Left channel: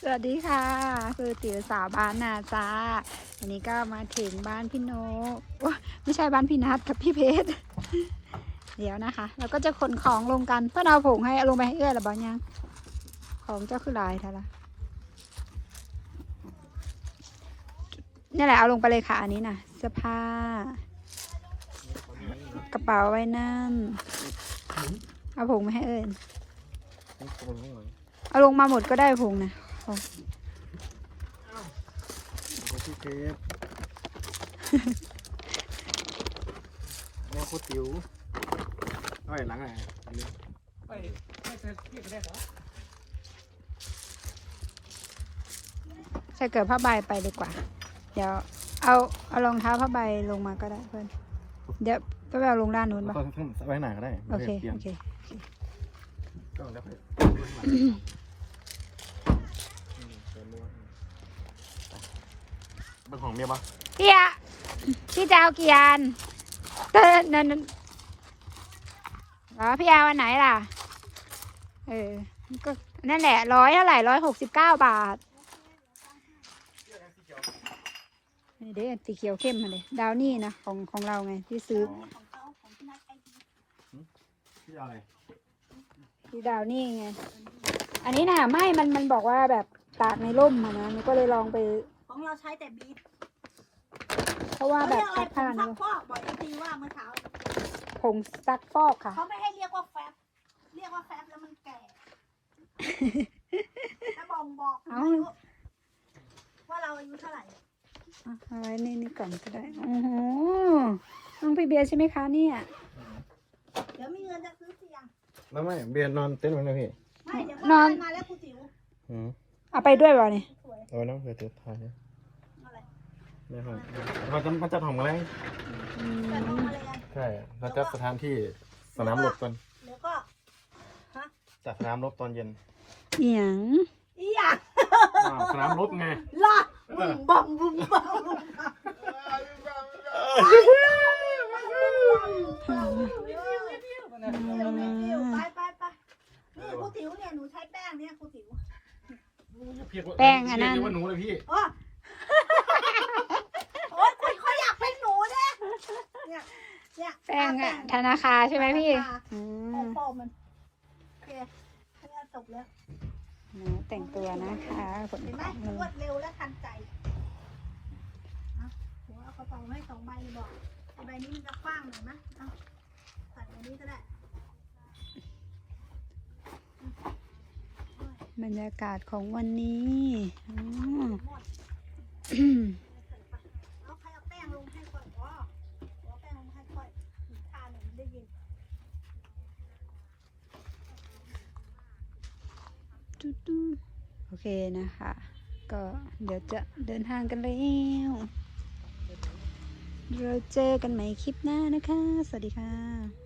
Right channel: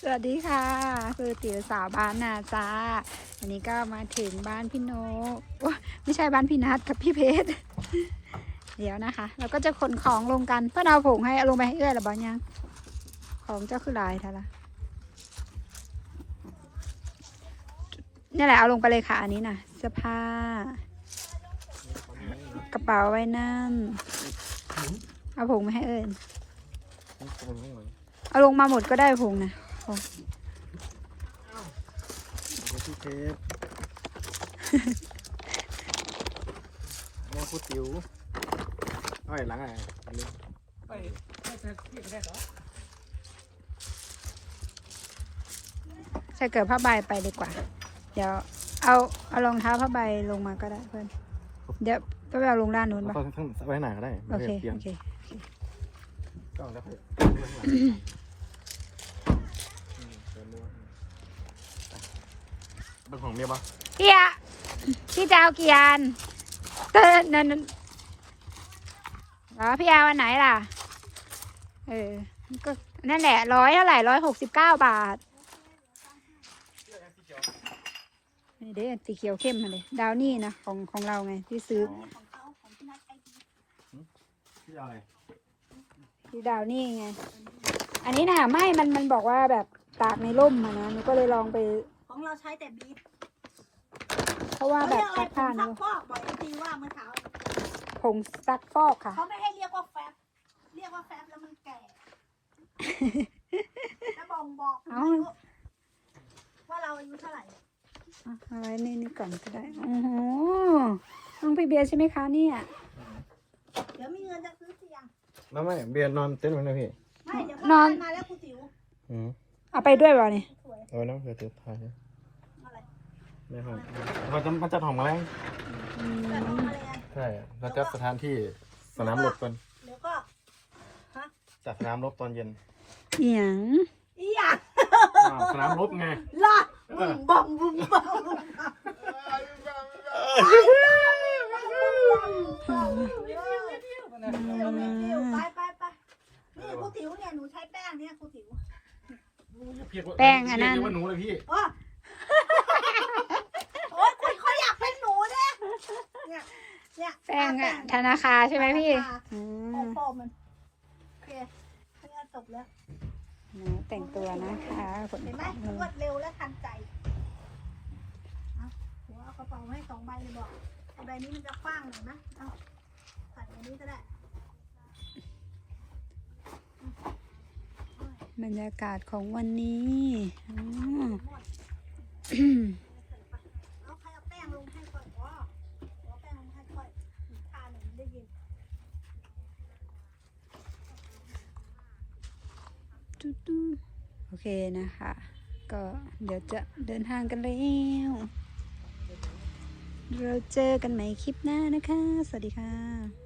สวัสดีค่ะ คือติ๋วสาวบ้านนาจ้าวันนี้ก็มาถึงบ้านพี่โนว้าไม่ใช่บ้านพี่นัทกับพี่เพชรเดี๋ยวนะคะแล้วก็จะขนของลงกันเพื่อนเอาผงให้เอาลงไปให้เอื้อยหรือบ้ายังของเจ้าคือลายท่าละนี่แหละเอาลงไปเลยค่ะ อันนี้นะเสื้อผ้ากระเป๋าไว้นั่นเอาผงมาให้เอ้ยเอาลงมาหมดก็ได้ผงนะ ผงพี่เพชรแม่พูดติ๋วเอ้ยหลังอะไรอันนี้ใส่เกิดผ้าใบไปดีกว่า เดี๋ยว เอาเอารองเท้าผ้าใบลงมาก็ได้เพื่อนเดี๋ยวไปเอาลงด้านนู้นเราปะต้องไว้ไหนก็ได้โอเคเปลี่ยนโอเคก็แล้วค่อย เป็นของเมียปะพี่อะพี่จะเอากี่อันเต้นนั่นนั่นอ๋อพี่เอาอันไหนล่ะเออก็นั่นแหละร้อยเท่าไหร่ร้อยหกสิบเก้าบาทนี่เด้สีเขียวเข้มมาเลยดาวนี่นะของของเราไงที่ซื้อพี่เอาอะไรดาวนี่ไง อันนี้น่ะไม่มันมันบอกว่าแบบตากในร่มอะนะมันก็เลยลองไป ของเราใช้แต่บีบเพราะว่าเขาแบเรีบยกอะไรซักผผ้างซันะกฟอกบอกจริงว่าเมื่อเช้าผงซักฟอกค่ะ เขาไม่ให้เรียกว่าแฟบเรียกว่าแฟบแล้วมันแก่ถ้าบ่งบอกเอ้า ว่าเราอายุเท่าไหร่อะเอาไว้นี่นี่ก่อนก็ได้โอ้โหน้องพี่เบียร์ใช่ไหมคะเนี่ย เดี๋ยวมีเงินจะซื้อเตียงแล้วไม่เบียร์นอนเต็นท์มันนะพี่ไม่เดี๋ยวนอน มาแล้วคุณติ๋วอืมเอาไปด้วยเปล่าเนี่ยสวยเอาไว้นั่งเผื่อเตือนไทยอะไร ไม่ครับมันจะมันจะถ่องอะไรอืมแต่ทำอะไรอะใช่เราจะสถานที่สนามรบก่อนเดี๋ยวก็จัดสนามรบตอนเย็นเหียงอีหยังอ้าวสนามรบไงรอดบึ้มบัมบึ้มบัมค่ะไปไปไปนี่คุณติ๋วเนี่ยหนูใช้แป้งเนี่ยคุณติ๋ว แป้งอันนั้นเรียกว่าหนูเลยพี่โอ้โอ้ยคุณเขาอยากเป็นหนูเนี่ยเนี่ยเนี่ย แป้ งอะธนาคารใช่ไหมพี่อืโอ้มพ่อมันโอเคเพื่อนจบแล้วหนูแต่งตัวนะคะผมเห็นไหมรวดเร็วและทันใจเอาหัวเอากระเป๋าให้สองใบเลยบอกเอาใบนี้มันจะกว้างหน่อยนะเอาใส่ใบนี้ก็ได้บรรยากาศของวันนี้อืมเอาใครเอาแป้งลงให้ก่อนก็เอาแป้งลงให้ก่อนทานหนูได้ยิน ตุ๊ดๆ โอเคนะคะ ก็เดี๋ยวจะเดินทางกันแล้ว เราเจอกันใหม่คลิปหน้านะคะ สวัสดีค่ะ